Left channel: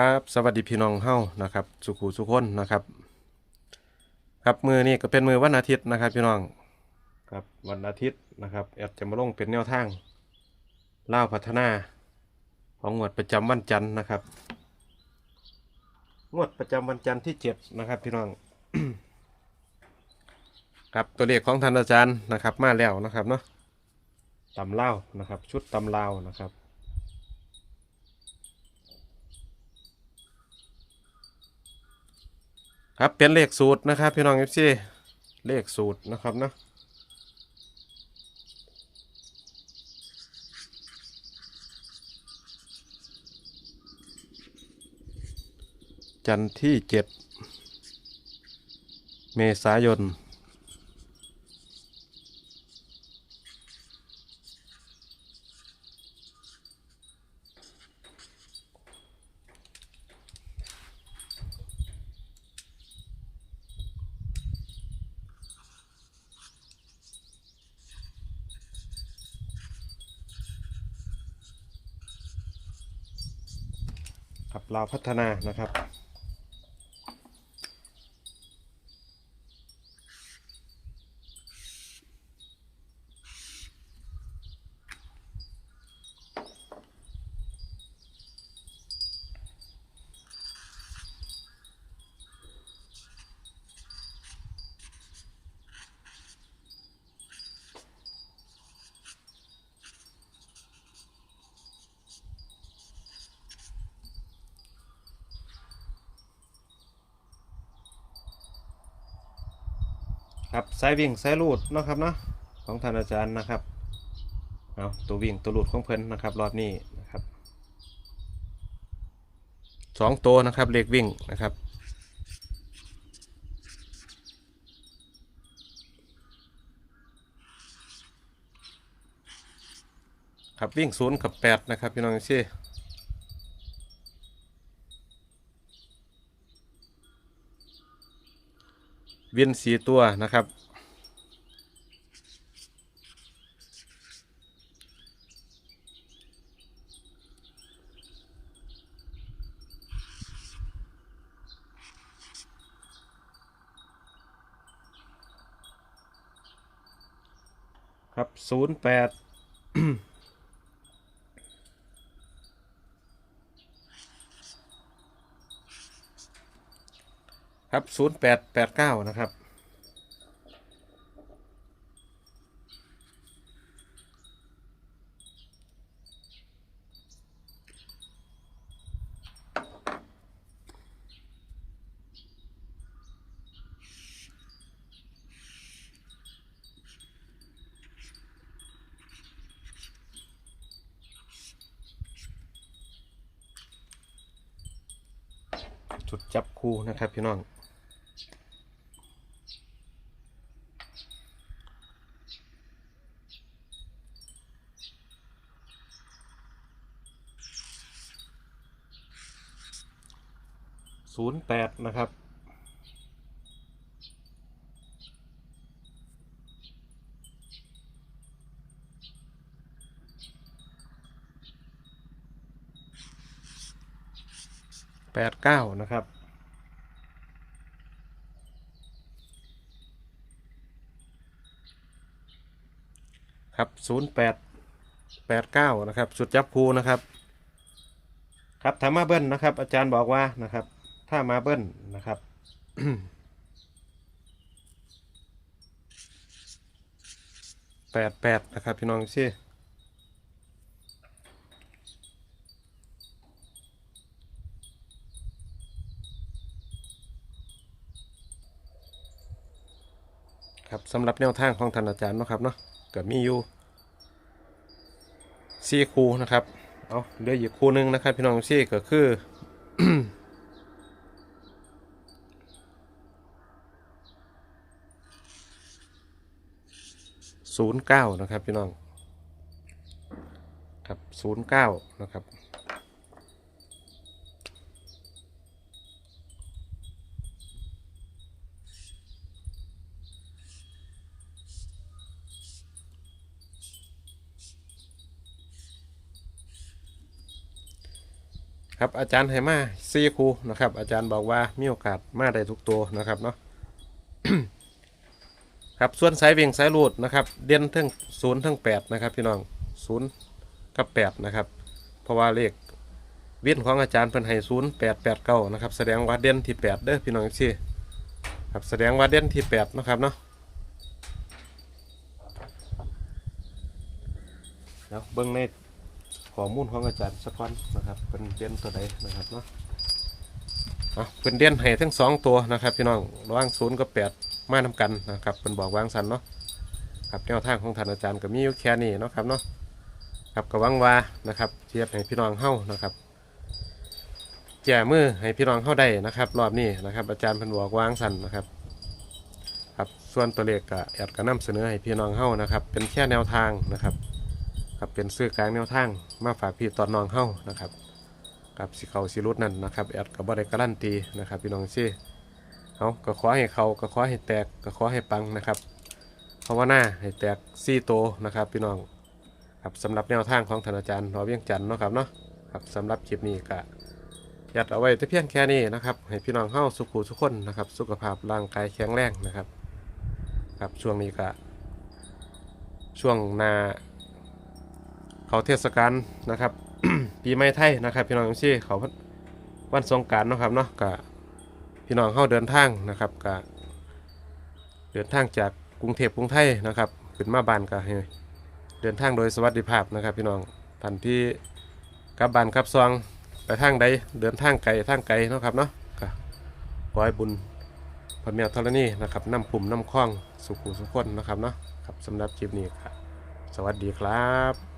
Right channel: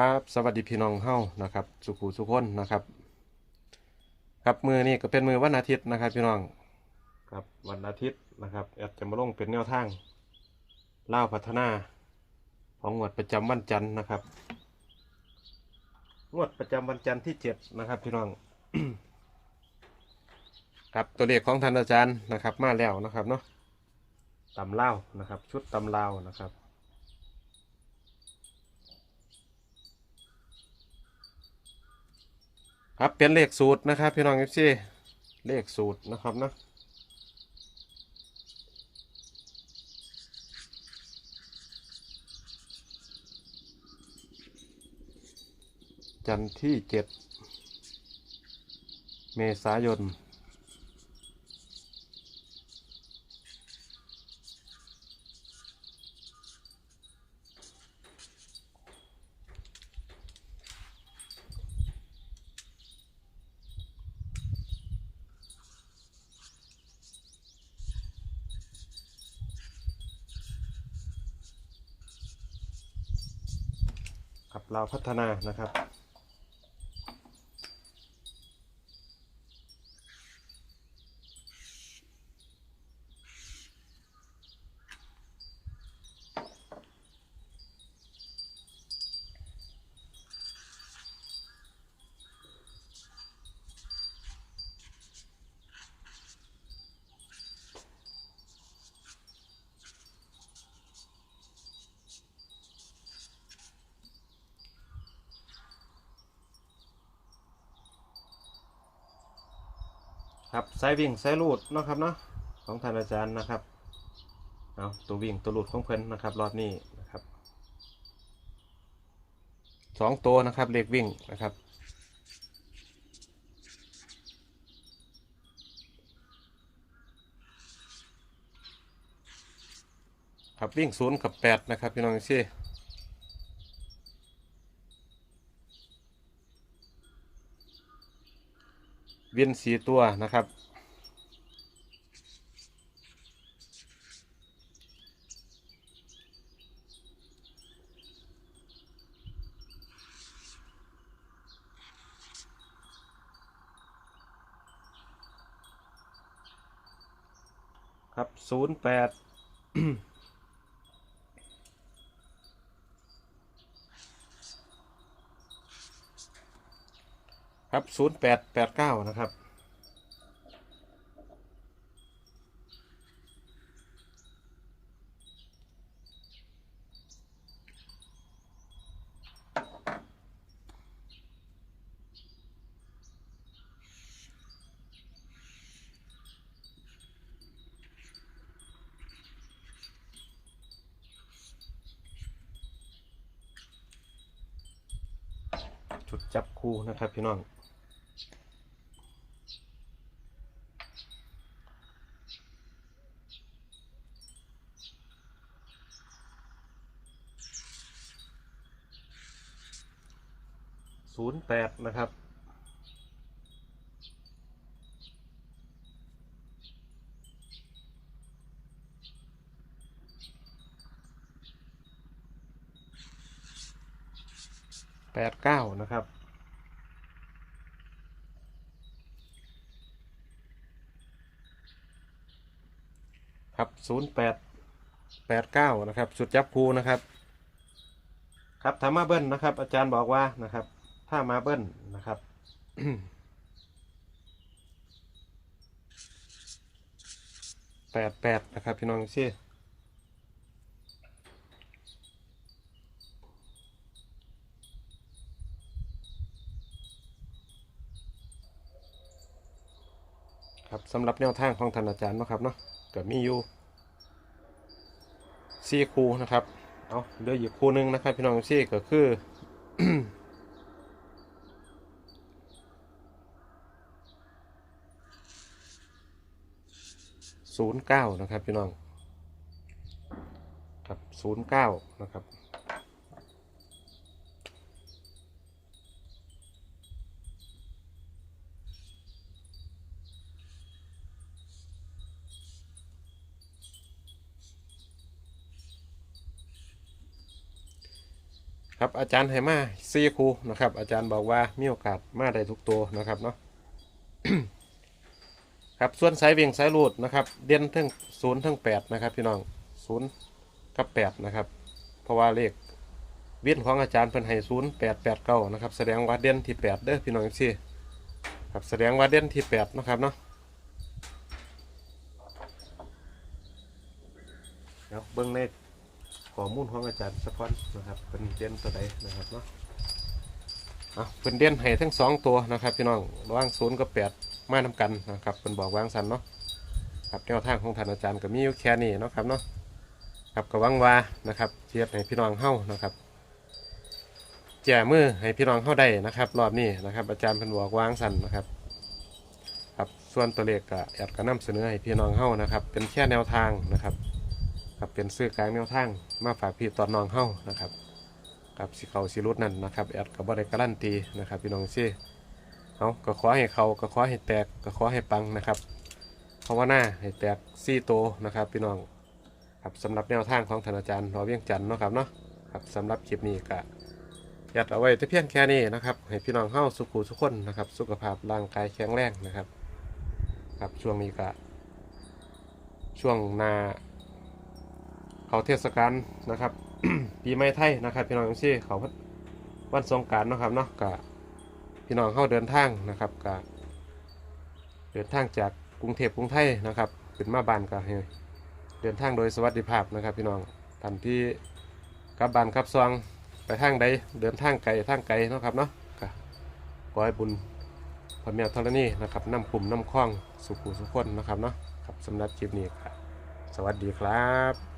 ครับ สวัสดีพี่น้องเฮานะครับ สุขุสุขคนนะครับ ครับมือนี้ก็เป็นมือวันอาทิตย์นะครับ พี่น้องครับวันอาทิตย์นะครับแอดจะมาลงเป็นแนวทางเล่าพัฒนา ของงวดประจำวันจันทร์นะครับงวดประจำวันจันทร์ที่เจ็ดนะครับ พี่น้องครับตัวเลขของท่านอาจารย์นะครับ มาแล้วนะครับเนาะตำเล่านะครับ ชุดตำลานะครับ ครับเป็นเลขสูตรนะครับ พี่น้องเอฟซีเลขสูตรนะครับนะจันทร์ที่เจ็ดเมษายน ครับเราวพัฒนานะครับ ครับสายวิ่งสายลูดนะครับเนาะของท่านอาจารย์นะครับเอาตัววิ่งตัวลูดของเพิ่นนะครับ รอบนี้นะครับสองตัวนะครับเลขวิ่งนะครับครับวิ่งศูนย์กับแปดนะครับพี่น้องซี่ เวินสีตัวนะครับ ครับศูนย์แปด ครับศูนย์แปดแปดเก้านะครับ จุดจับคู่นะครับพี่น้อง ศูนย์แปดนะครับ แปดเก้านะครับครับศูนย์แปดแปดเก้านะครับ สุดจับคูนะครับ ครับถ้ามาเบิ้ลนะครับ อาจารย์บอกว่านะครับ ถ้ามาเบิ้ลนะครับแปดแปดนะครับพี่น้องซี่ครับสำหรับแนวทางของท่านอาจารย์นะครับเนาะก็มีอยู่สี่คูนะครับ เอาเหลืออีกคูนึงนะครับ พี่น้องซี่ก็คือ ศูนย์เก้านะครับพี่น้องครับศูนย์เก้านะครับครับอาจารย์ให้มาสี่ครูนะครับ อาจารย์บอกว่ามีโอกาสมาได้ทุกตัวนะครับเนาะ ครับส่วนสายเวิ่งสายรูดนะครับเด่นทั้งศูนย์ทั้งแปดนะครับพี่น้องศูนย์กับแปดนะครับเพราะว่าเลขเวิ่นของอาจารย์เพิ่นให้ศูนย์แปดแปดเก้านะครับแสดงว่าเด่นที่แปดเด้อพี่น้องซี่ครับแสดงว่าเด่นที่แปดนะครับเนาะเดี๋ยวเบิ่งในข้อมูลของอาจารย์สักวันนะครับเป็นเด่นตัวใดนะครับเนาะอะเป็นเด่นให้ทั้งสองตัวนะครับพี่น้องระหว่างศูนย์กับแปด มาทำกันนะครับเป็นบอกวางสันเนาะครับแนวทางของท่านอาจารย์ก็มีอยู่แค่นี้เนาะครับเนาะครับก็หวังว่านะครับเทียบให้พี่น้องเฮ้านะครับแจ่มือให้พี่น้องเข้าได้นะครับ รอบนี้นะครับ อาจารย์เพันบอกวางสันนะครับครับส่วนตัวเลขก็แอดก็นำเสนอให้พี่น้องเข้านะครับ เป็นแค่แนวทางนะครับครับเป็นซื้อกลางแนวทางมาฝากพี่ตอนน้องเข้านะครับกับสิเขาสิรุดนั่นนะครับแอดก็บ่ได้การันตีนะครับ พี่น้องซี่ เอาก็ขอให้เขาก็ขอให้แตกก็ขอให้ปังนะครับเพราะว่าหน้าให้แตกซี่โตนะครับพี่น้องครับสำหรับแนวทางของท่านอาจารย์รอเวียงจันทร์เนาะครับเนาะครับสำหรับคลิปนี้ก็ยัดเอาไว้แต่เพียงแค่นี้นะครับให้พี่น้องเข้าสุขุทุกคนนะครับ สุขภาพร่างกายแข็งแรงนะครับ ครับช่วงนี้ก็ช่วงหนาเขาเทศกาลนะครับ ปีใหม่ไทยนะครับ พี่น้องทุกที่เขาวันสงการนะครับเนาะก็ พี่น้องเข้าเดินทางนะครับก็เดินทางจากกรุงเทพกรุงไทยนะครับขึ้นมาบ้านก็ให้เดินทางโดยสวัสดิภาพนะครับ พี่น้องท่านที่กลับบ้านกลับซองไปทางใดเดินทางไกลทางไกลนะครับเนาะก็ขอให้บุญพระเมียธรณีนะครับน้ำกลุ่มน้ำคล้องสุขุสุขคนนะครับเนาะครับสำหรับคลิปนี้ครับสวัสดีครับ